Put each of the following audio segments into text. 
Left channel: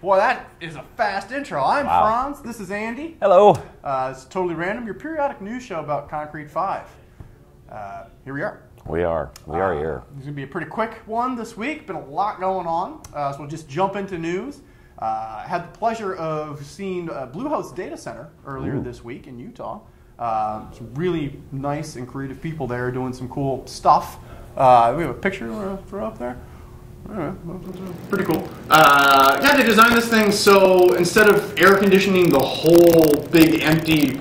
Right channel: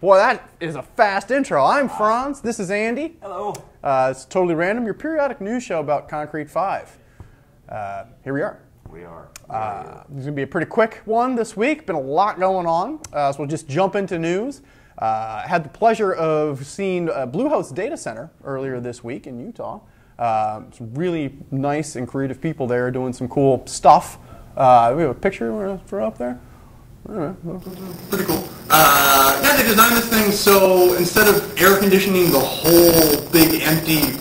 Boy, that is a fast intro. I'm Franz. This is Andy. Hello. It's Totally Random, your periodic news show about Concrete5. Here we are. We are here. It's going to be a pretty quick one this week. Been a lot going on, so we'll just jump into news. Had the pleasure of seeing Bluehost Data Center earlier this week in Utah. It's really nice and creative people there doing some cool stuff. We have a picture you want to throw up there? Pretty cool. Yeah, they designed this thing so instead of air conditioning the whole big empty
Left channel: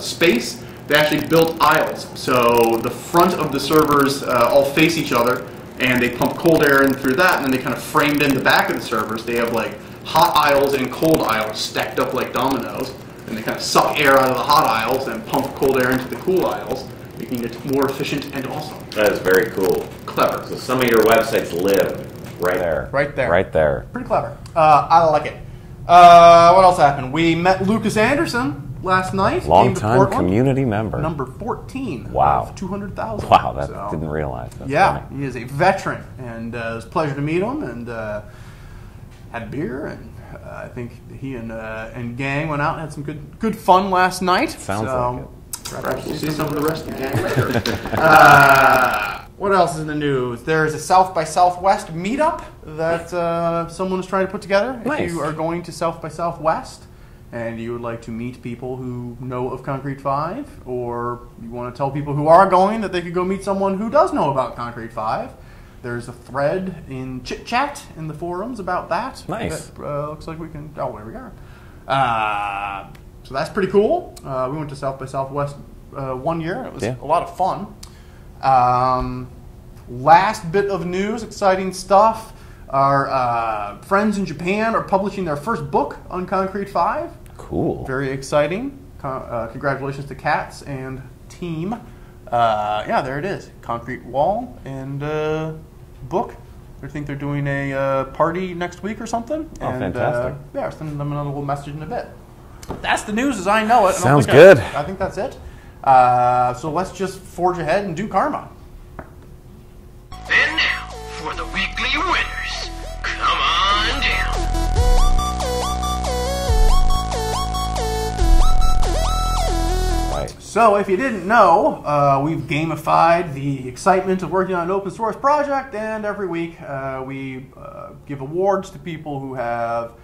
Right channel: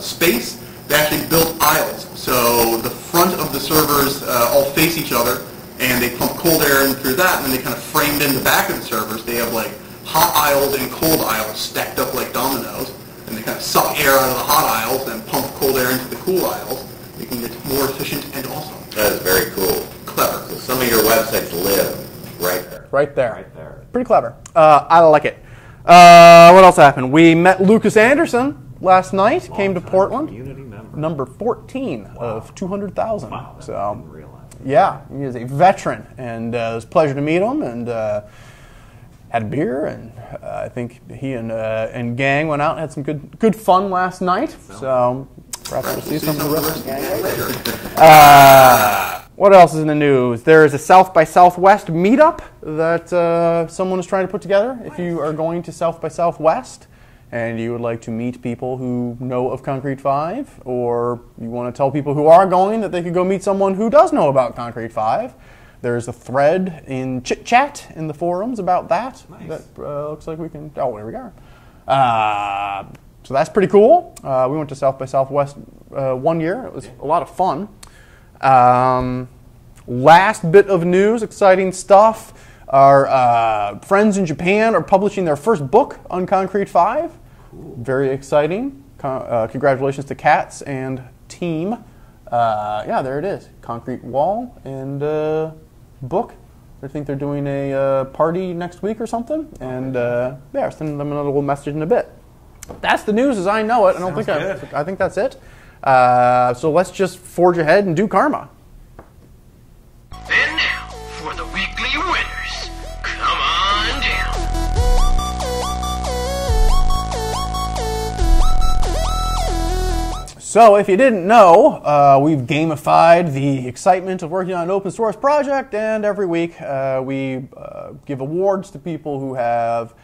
space, they actually built aisles. So the front of the servers all face each other, and they pump cold air in through that, and then they kind of framed in the back of the servers. They have like hot aisles and cold aisles stacked up like dominoes, and they kind of suck air out of the hot aisles and pump cold air into the cool aisles, making it more efficient and awesome. That is very cool. Clever. So some of your websites live right there. Right there. Right there. Pretty clever. I like it. What else happened? We met Lucas Anderson last night. Came to Long-time Portland. community member. Number 14 Wow. of 200,000. Wow, that So, didn't realize that. yeah, he is a veteran, and it was a pleasure to meet him, and had a beer, and I think he and gang went out and had some good fun last night. Sounds so, Perhaps we'll see some of the rest of the gang later. What else is in the news? There is a South by Southwest meetup that someone is trying to put together. Nice. If you are going to South by Southwest and you would like to meet people who know of Concrete5, or you want to tell people who are going that they could go meet someone who does know about Concrete5, there's a thread in Chit Chat in the forums about that. Nice. That, looks like we can. Oh, there we are. So that's pretty cool. We went to South by Southwest 1 year, and it was a lot of fun. Last bit of news, exciting stuff. Our friends in Japan are publishing their first book on Concrete5. Cool. Very exciting. Congratulations to Katz and team. Yeah, there it is. Concrete wall and book. I think they're doing a party next week or something. Oh, and, fantastic. Yeah, I'll send them another little message in a bit. That's the news as I know it. Sounds good. I think that's it. So let's just forge ahead and do karma. And now, for the weekly winners. Come on down. So if you didn't know, we've gamified the excitement of working on an open source project, and every week we give awards to people who have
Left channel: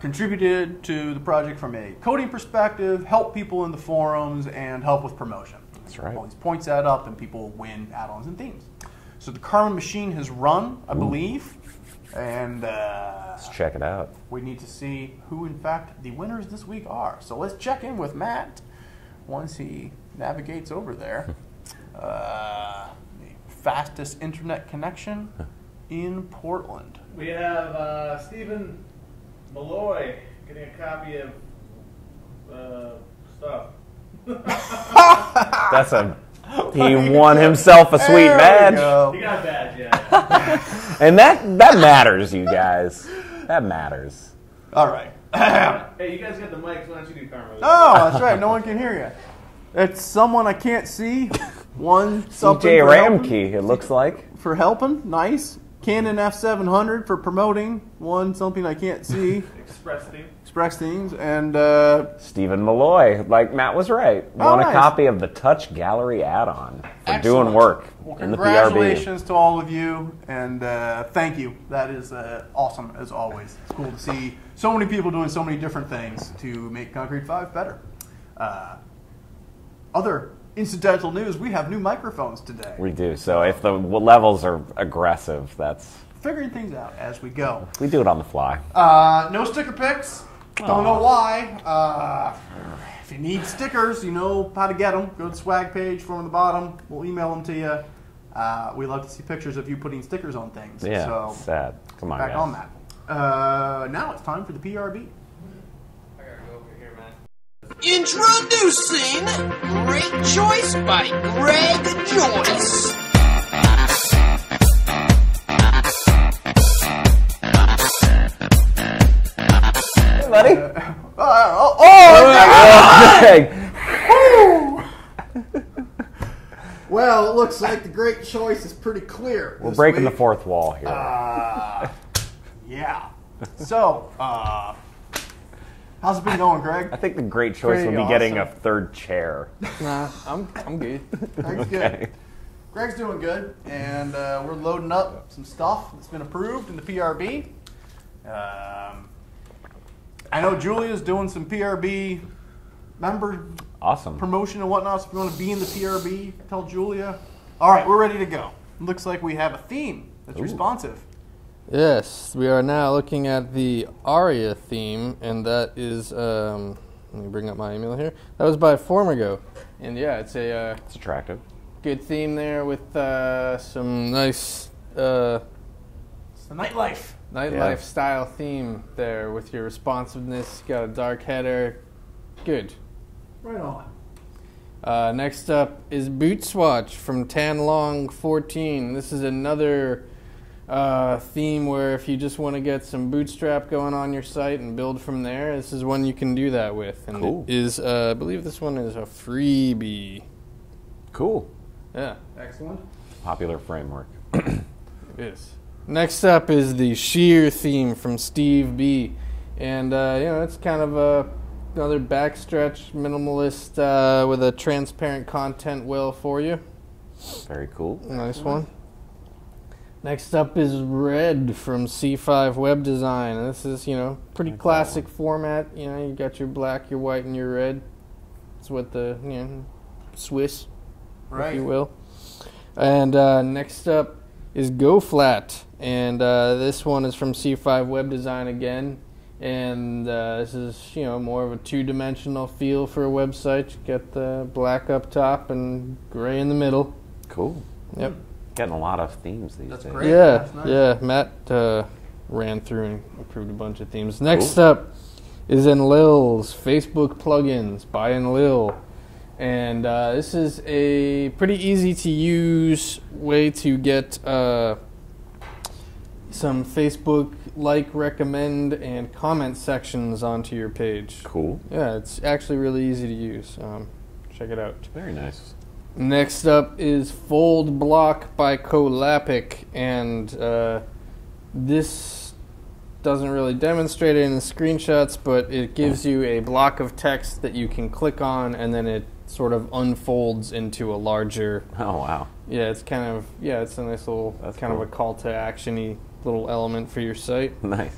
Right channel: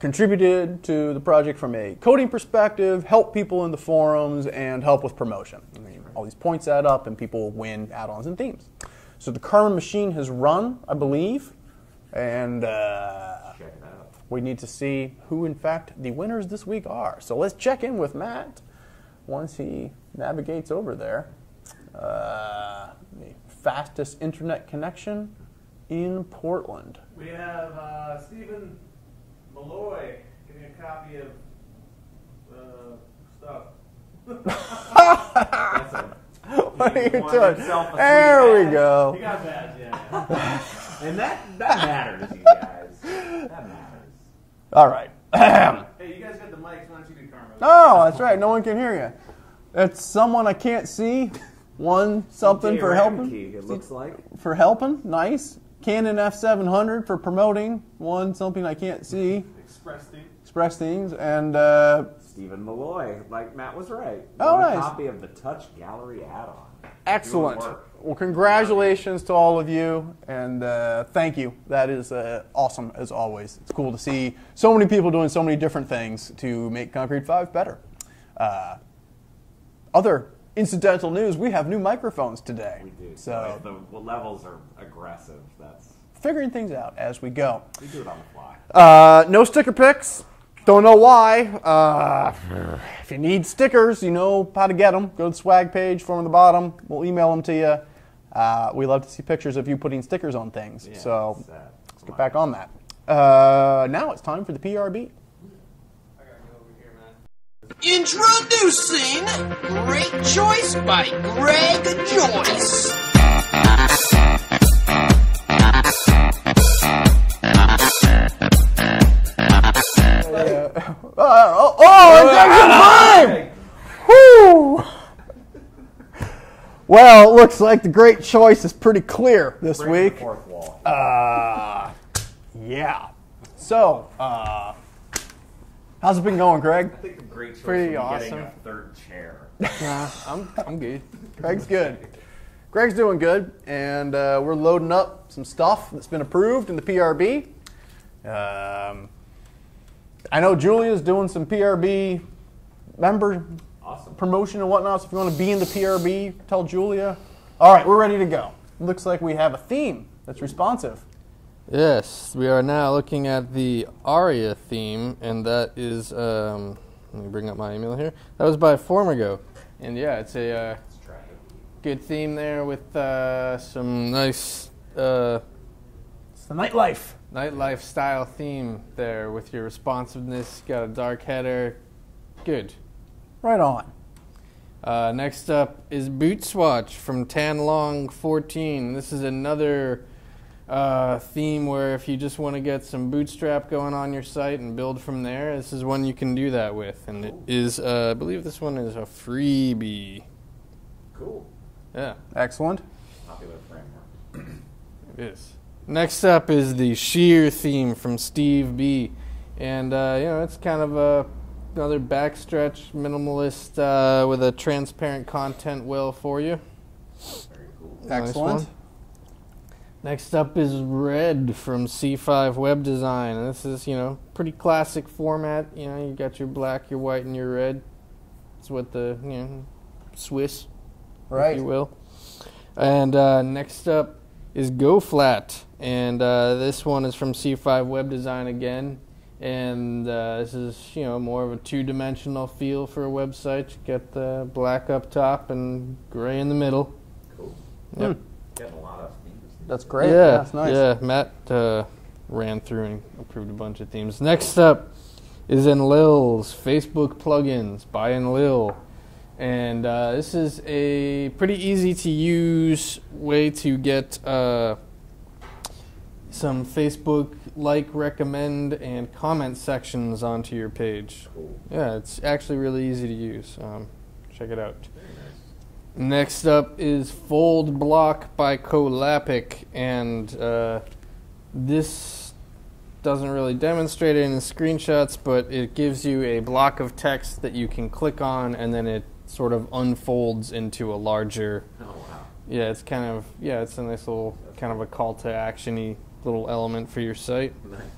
contributed to the project from a coding perspective, help people in the forums, and help with promotion. That's right. All these points add up, and people win add-ons and themes. So the karma machine has run, I believe, and Let's check it out. we need to see who, in fact, the winners this week are. So let's check in with Matt once he navigates over there. The fastest internet connection in Portland. We have Stephen Malloy getting a copy of stuff. That's a. He won himself a sweet There badge. we go. He got a badge, yeah. And that matters, you guys. That matters. All right. Hey, you guys got the mics. Why don't you do karma? Oh, that's right. No one can hear you. It's someone I can't see. One something CJ for helping. Ramkey, it looks like. For helping. Nice. Canon F700 for promoting. One something I can't see. Express things. And Stephen Malloy, like Matt was right. Oh, Won a nice. copy of the Touch Gallery add-on for excellent. doing work. Well, in the PRB. congratulations to all of you, and thank you. That is awesome, as always. It's cool to see so many people doing so many different things to make Concrete5 better. Other incidental news, we have new microphones today. We do. So if the levels are aggressive, that's Figuring things out as we go. we do it on the fly. No sticker picks. Don't know why. If you need stickers, you know how to get them. Go to the swag page, form at the bottom. We'll email them to you. We love to see pictures of you putting stickers on things. Yeah, so sad. Come on, back guys. on that. Now it's time for the PRB. Introducing Great Choice by Greg Joyce. Hey, buddy. Well, it looks like the Great Choice is pretty clear We're this breaking week. the fourth wall here. Yeah. So, how's it been going, Greg? I think the great choice Pretty will be getting a awesome. third chair. Nah, I'm good. Greg's good. Greg's doing good, and we're loading up some stuff that's been approved in the PRB. I know Julia's doing some PRB member Awesome. promotion and whatnot, so if you want to be in the PRB, tell Julia. All right, we're ready to go. Looks like we have a theme that's responsive. Yes, we are now looking at the Aria theme, and that is, let me bring up my email here. That was by Formigo. And yeah, it's a It's attractive. good theme there with some nice It's the nightlife. nightlife style theme there with your responsiveness. Got a dark header. Good. Right on. Next up is Boot Swatch from Tanlong14. This is another theme where if you just want to get some bootstrap going on your site and build from there, this is one you can do that with. And Cool. it is, I believe this one is a freebie. Cool. Yeah, Excellent. Popular framework. it is. Next up is the Sheer theme from Steve B. And, it's kind of another backstretch minimalist with a transparent content well for you. Very cool. Nice Excellent. one. Next up is Red from C5 Web Design. And this is, pretty classic format. You got your black, your white, and your red. It's what the, Swiss, Right. if you will. And next up is Go Flat. And this one is from C5 Web Design again. And this is, more of a two-dimensional feel for a website. You got the black up top and gray in the middle. Cool. Yep. Getting a lot of themes these That's days. great. Yeah, That's nice. yeah. Matt ran through and approved a bunch of themes. Next up is Enlil's Facebook plugins by Enlil. And this is a pretty easy to use way to get some Facebook like, recommend, and comment sections onto your page. Cool. Yeah, it's actually really easy to use. Check it out. Very nice. Next up is Fold Block by Colapic, and this doesn't really demonstrate it in the screenshots, but it gives you a block of text that you can click on, and then it sort of unfolds into a larger. Oh, wow. Yeah, it's kind of it's a nice little That's kind cool. of a call to action-y little element for your site. Nice.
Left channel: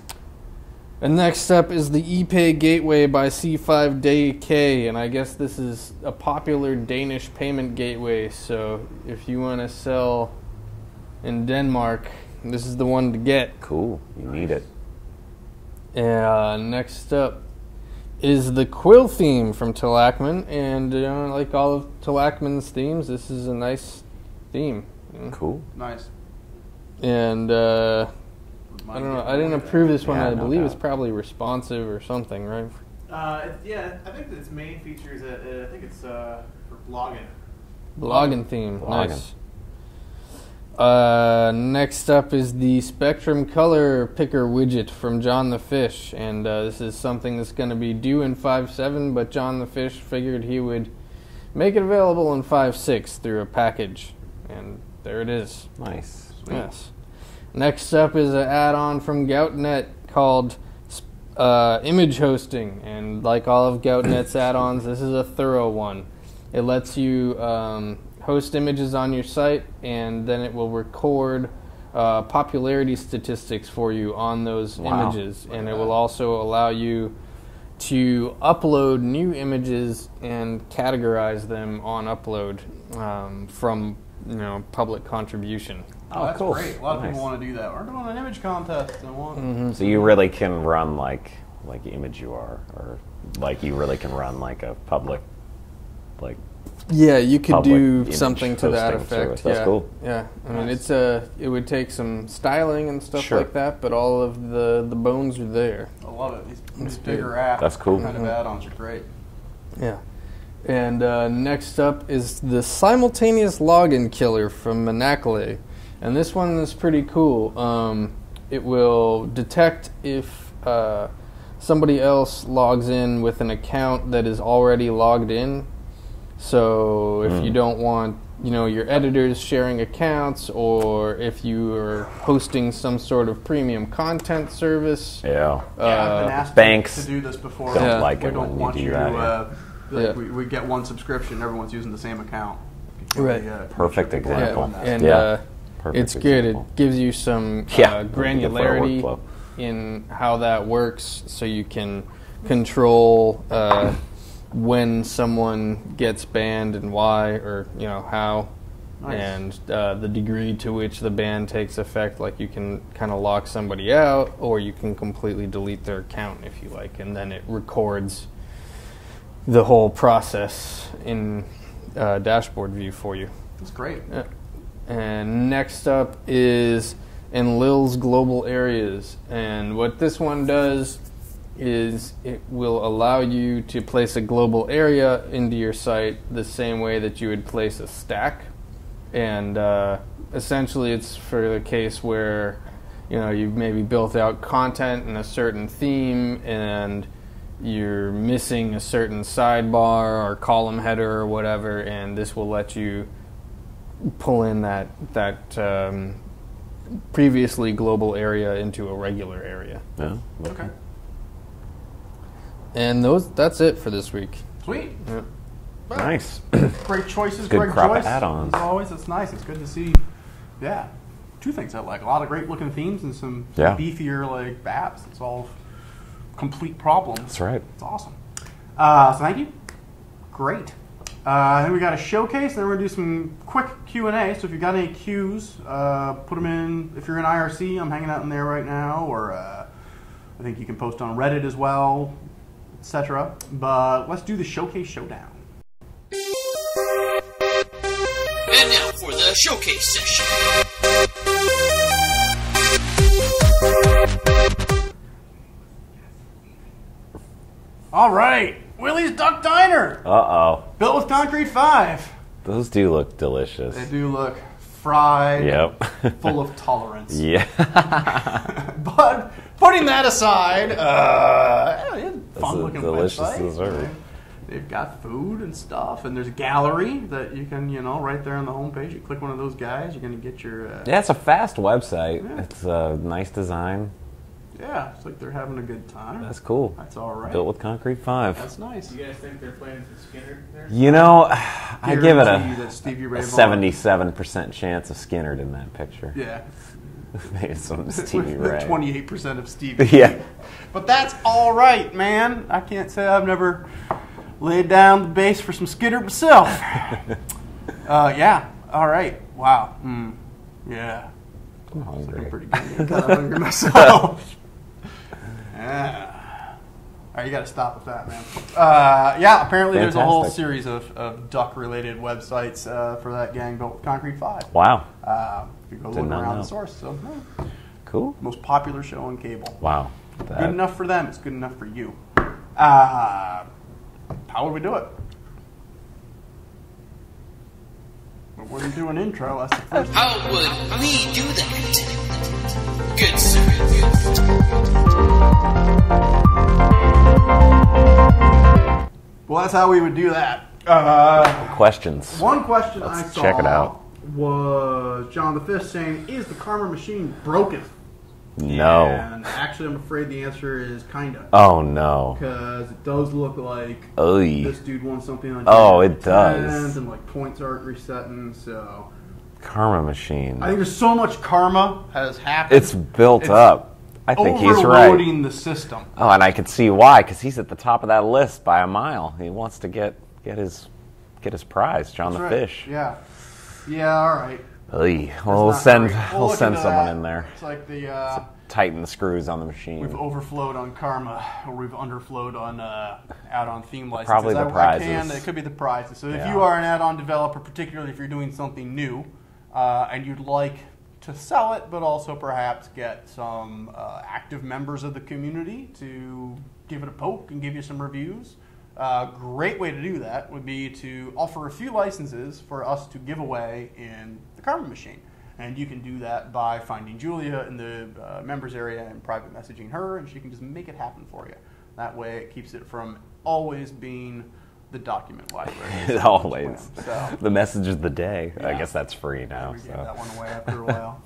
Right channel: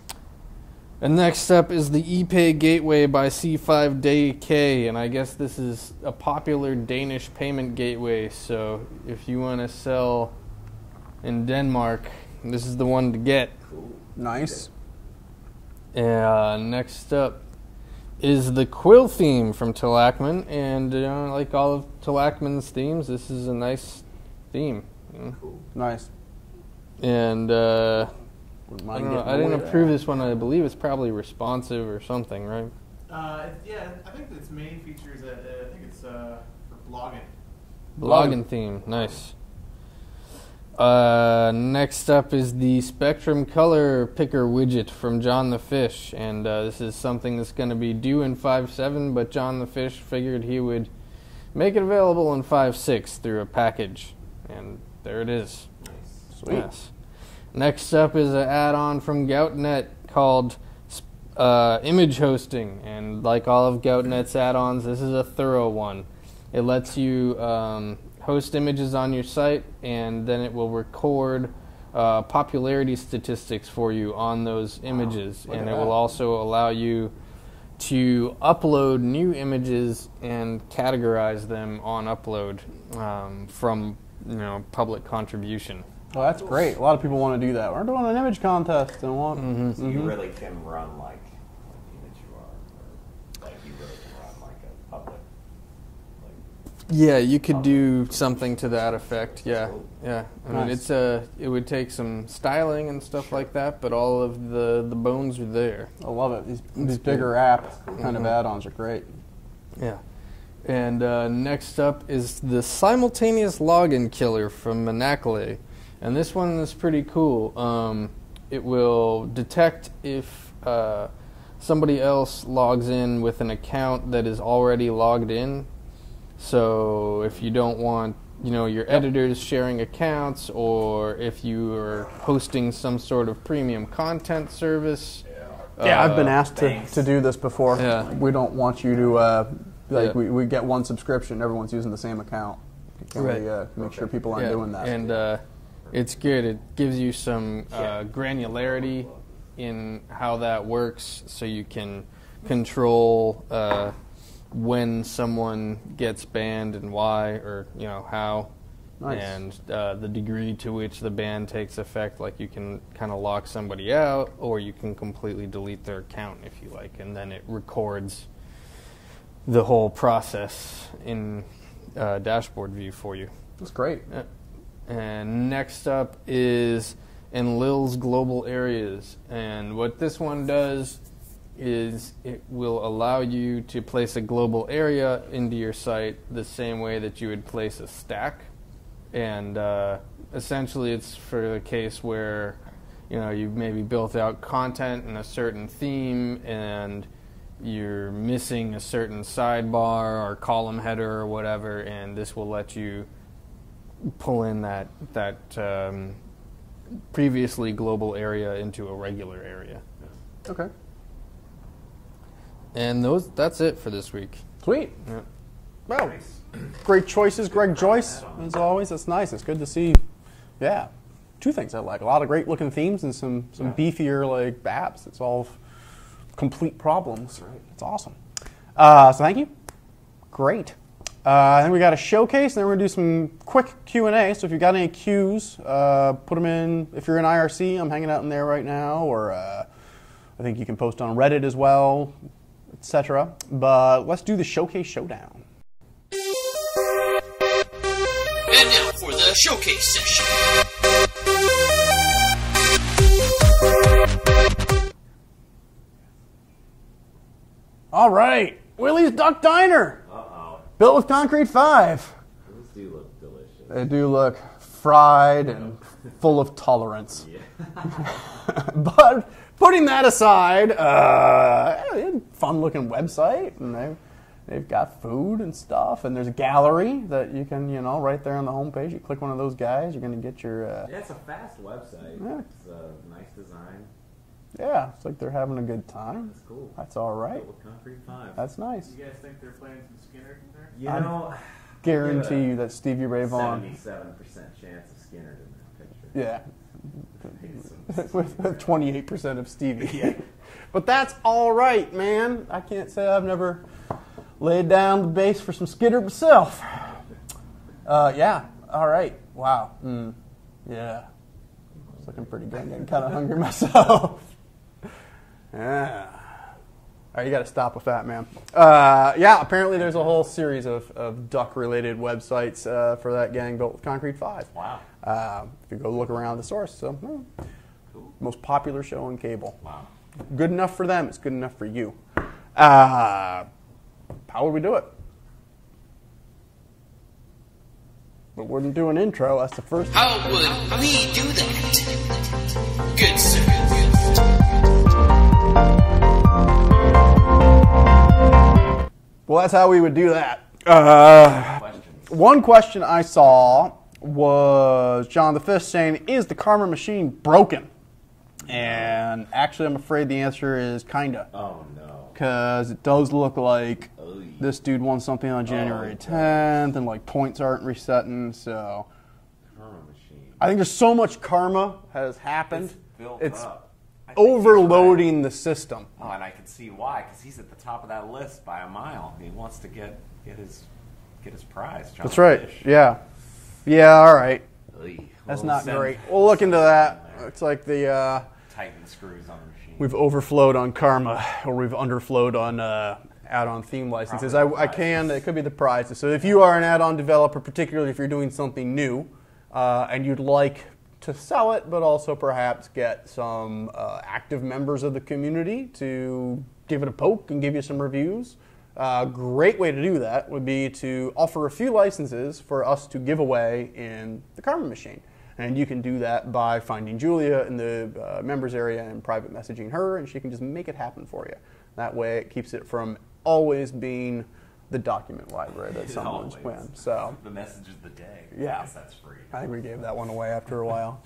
And next up is the ePay Gateway by C5DK, and I guess this is a popular Danish payment gateway, so if you want to sell in Denmark, this is the one to get. Cool. Nice. Need it. Next up is the Quill theme from Tilakman, and like all of Tilakman's themes, this is a nice theme. Cool. Nice. And I don't know. I didn't approve this one. Yeah, I no believe doubt. it's probably responsive or something, right? Yeah, I think its main feature is that I think it's for blogging. Blogging theme. Blogging. Nice. Next up is the Spectrum Color Picker widget from John the Fish, and this is something that's going to be due in 5.7, but John the Fish figured he would make it available in 5.6 through a package, and there it is. Nice. Sweet. Yes. Next up is an add-on from GoutNet called Image Hosting, and like all of GoutNet's add-ons, this is a thorough one. It lets you host images on your site, and then it will record popularity statistics for you on those images, and it will also allow you to upload new images and categorize them on upload from public contribution. Oh, that's cool. great. A lot of people Nice. want to do that. We're doing an image contest and want. So you really can run like image UR, or like you really can run like a public, like Yeah, you could public do image something to that hosting effect. service. That's Yeah, cool. yeah. I mean, Nice. it would take some styling and stuff Sure. like that, but all of the bones are there. I love it. These That's bigger good. apps. That's cool. Kind of add-ons are great. Yeah. And next up is the simultaneous login killer from Manakale. And this one is pretty cool. It will detect if somebody else logs in with an account that is already logged in. So if you don't want your editors sharing accounts, or if you are hosting some sort of premium content service. Yeah. I've been asked banks to do this before. don't like we it don't when want you you do to. that. We get one subscription. Everyone's using the same account. Right. Perfect people are example. doing that. And Perfect it's good. example. It gives you some Yeah. granularity Good for our workflow. in how that works, so you can control when someone gets banned and why, or how, Nice. and the degree to which the ban takes effect. Like, you can kind of lock somebody out, or you can completely delete their account if you like, and then it records the whole process in dashboard view for you. That's great. And next up is Enlil's Global Areas. And what this one does is it will allow you to place a global area into your site the same way that you would place a stack. And essentially it's for the case where you've maybe built out content in a certain theme and you're missing a certain sidebar or column header or whatever, and this will let you pull in that previously global area into a regular area. Yeah. Okay. And that's it for this week. Sweet. Yeah. Wow. Nice. Great choices, Good Greg crop of Joyce. add-ons. As always, it's nice. It's good to see. Yeah. Two things I like. A lot of great looking themes and some beefier apps. It's all complete problems. That's right. It's awesome. So thank you. Great. Then we got a showcase, and then we're going to do some quick Q&A. So if you've got any Qs, put them in. If you're in IRC, I'm hanging out in there right now, or I think you can post on Reddit as well, etc. But let's do the showcase showdown. And now for the showcase session. All right, Willie's Duck Diner, Uh-oh. built with concrete5. Those do look delicious. They do look fried, Yep. full of tolerance. Yeah. But putting that aside, fun-looking delicious website. dessert. Right? They've got food and stuff, and there's a gallery that you can, right there on the homepage. You click one of those guys, you're going to get your... Yeah, it's a fast website. Yeah. It's a nice design. Yeah, it's like they're having a good time. That's cool. That's all right. Built with concrete5. That's nice. You guys think they're playing some Skinner there? I give it Guarantee a that Stevie Ray Vaughan- 77% chance of Skinnerd in that picture. Yeah. Maybe some Stevie Ray. 28% of Stevie. Yeah. But that's all right, man. I can't say I've never laid down the base for some Skidder myself. Yeah. All right. Wow. Yeah. I'm hungry. Pretty good. I'm kind of hungry myself. Yeah. All right, you got to stop with that, man. Yeah, apparently there's a whole Fantastic. series of duck-related websites for that gang built with concrete5. Wow. If you go look not around know. the source, so Cool. most popular show on cable. Wow. Good enough for them. It's good enough for you. How would we do it? But we're gonna do an intro. That's the first. How would we do that? Good sir. Well, that's how we would do that. Questions. One question I Let's check it saw out. was John the Fist saying, "Is the Karma machine broken?" No. And actually, I'm afraid the answer is kinda, Oh, no. because it does look like Oy. this dude won something on Oh, January it does. 10th, and points aren't resetting. So Karma machine. I think there's so much karma has happened. It's built up. I think he's right. overloading the system. Oh, and I can see why, because he's at the top of that list by a mile. He wants to get his prize, John That's the right. Fish. Yeah. Yeah. All right. Oy. That's We'll not send great. we'll look send into someone that. in there. It's like the Tighten the screws on the machine. we've overflowed on karma, or we've underflowed on add-on theme licenses. Probably the I can. prizes. It could be the prizes. So if Yeah. you are an add-on developer, particularly if you're doing something new, and you'd like to sell it, but also perhaps get some active members of the community to give it a poke and give you some reviews. Great way to do that would be to offer a few licenses for us to give away in the Karma machine. And you can do that by finding Julia in the members area and private messaging her, and she can just make it happen for you. That way it keeps it from always being the document library. Always. So The message of the day. I Yeah. guess that's free now. we gave so. that one away after a while.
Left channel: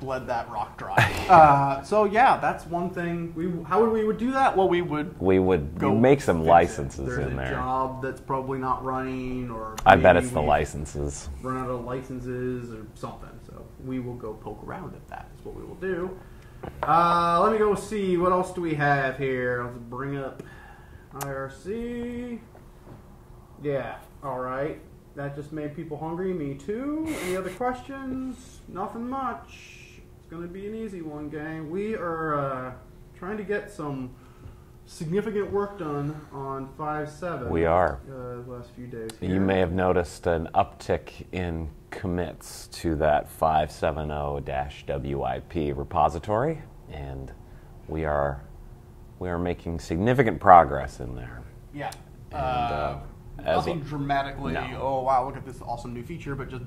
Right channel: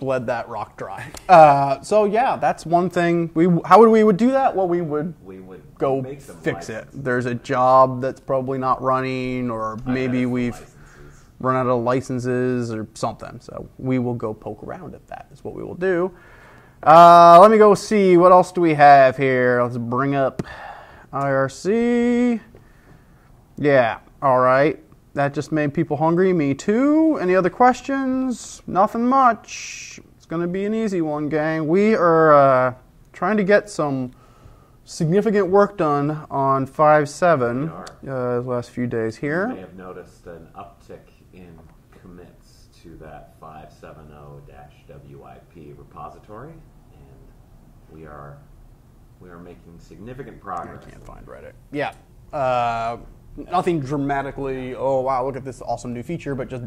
Bled that rock dry. So yeah, that's one thing. How would we do that? Well, we would go make some fix licenses. it. There's a in there. job that's probably not running, or I maybe bet it's the we've licenses. run out of licenses or something. So we will go poke around at that. Is what we will do. Let me go see what else do we have here. Let's bring up IRC. Yeah. All right. That just made people hungry. Me too. Any other questions? Nothing much. It's going to be an easy one, gang. We are trying to get some significant work done on 5.7. We are. The last few days here. You may have noticed an uptick in commits to that 570-WIP repository, and we are making significant progress in there. Yeah. Nothing dramatically, oh wow, look at this awesome new feature, but just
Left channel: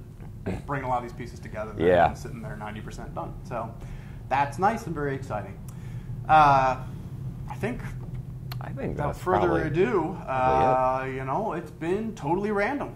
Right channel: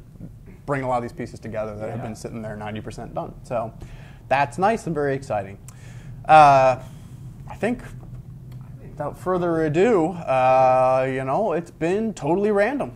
bring a lot of these pieces together that have been sitting there 90% done. So that's nice and very exciting. I think without that's further probably- ado, it's been totally random.